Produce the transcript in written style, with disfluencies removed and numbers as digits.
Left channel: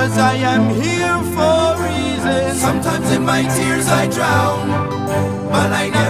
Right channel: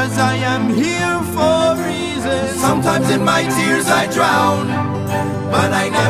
'cause I am here for a reason. Sometimes in my tears I drown, but I never